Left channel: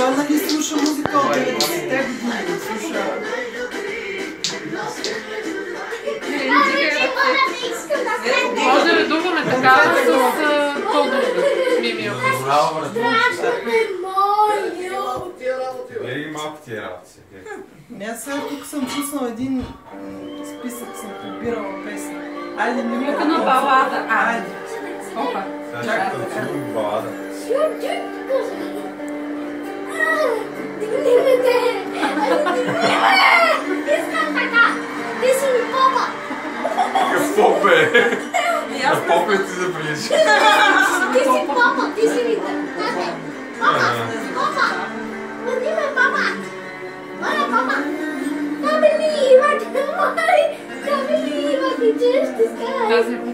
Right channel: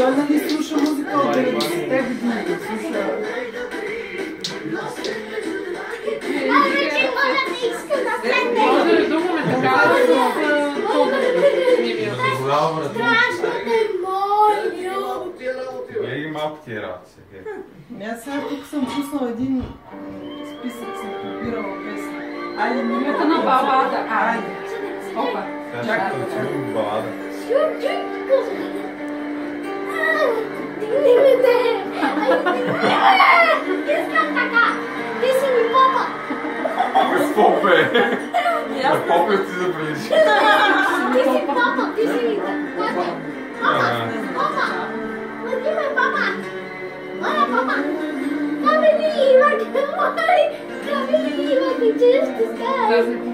Той нали слуша музика от 90-те години. Слуша. Може да редуваме такава с кодове. Мимио. Вери малко тия работи. Аз сега тук съм пуснал един списък, съм побирала песни. Айде, Нека на балада. Айде. Опа. Чакай да чуем балада. Искам така! Ти си ми попа! Какво бе? На попа ти забележи. Ти си папа, ти си ми така. Папа, папа, води ме папа. Моля папа. Каби ми има, каби ми има, ти чуеш ти скай.